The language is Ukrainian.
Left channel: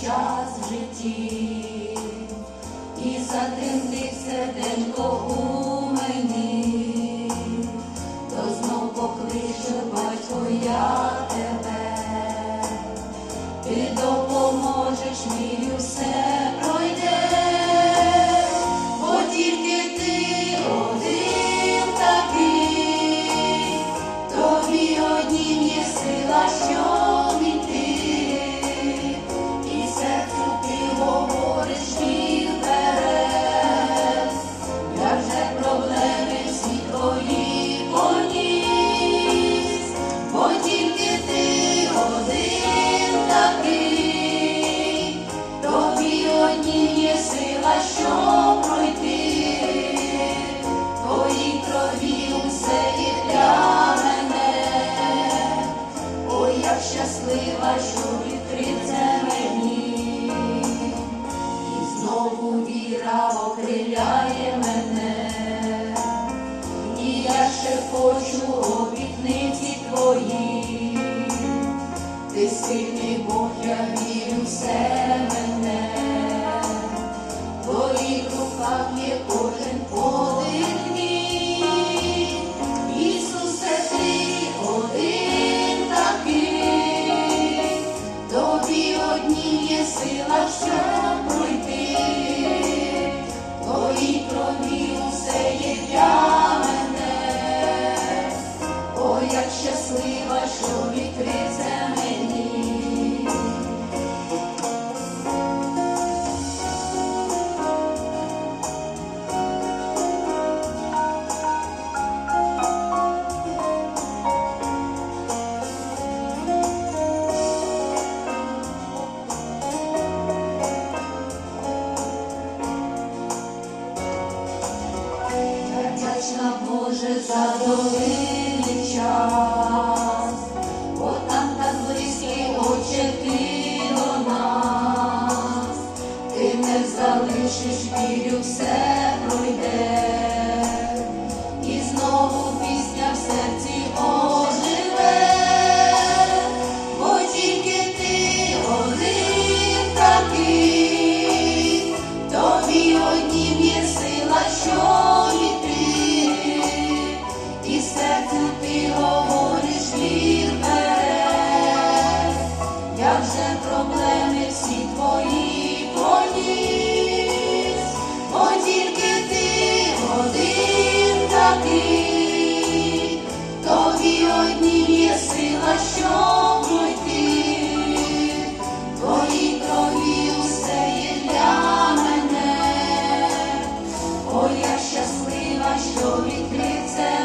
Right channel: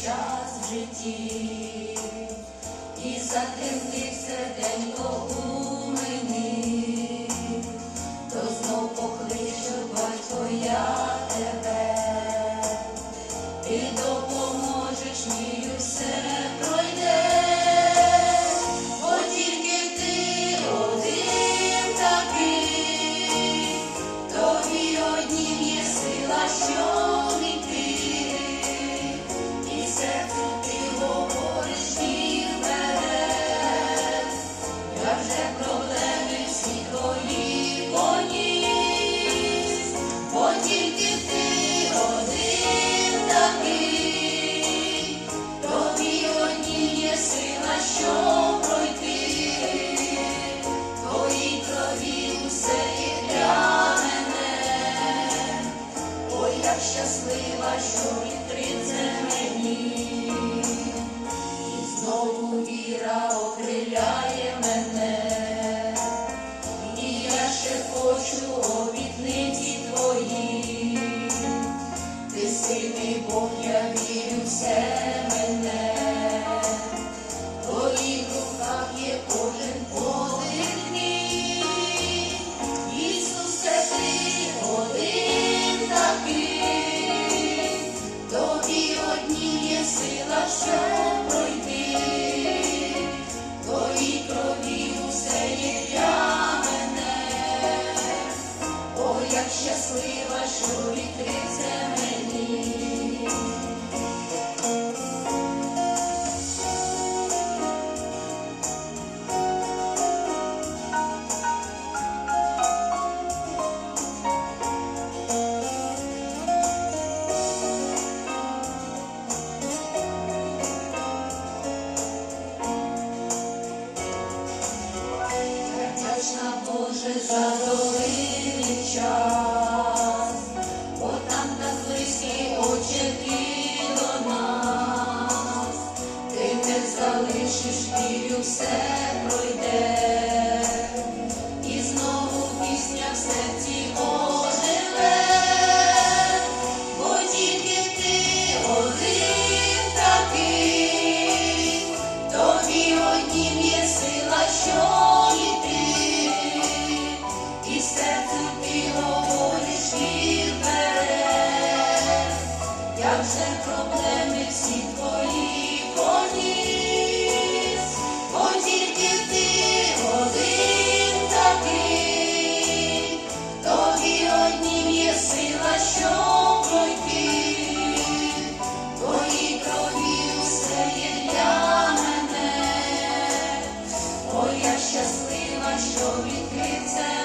час в житті, і затемнив серденько у мені, то знов покличу, батько, я тебе, ти допоможеш мені щаслива, що вітриться мені, і знову віра окриляє мене, і я ще хочу обітниці твої, ти сильний Бог, я вірю в мене, щаслива, що відкрився мені. Боже за долину. І знову пісня в серці оживе, бо тільки ти один такий, тобі однім є сила, що літи, і серцю ти говориш вперед, як же проблеми всі твої полі. що відкрився.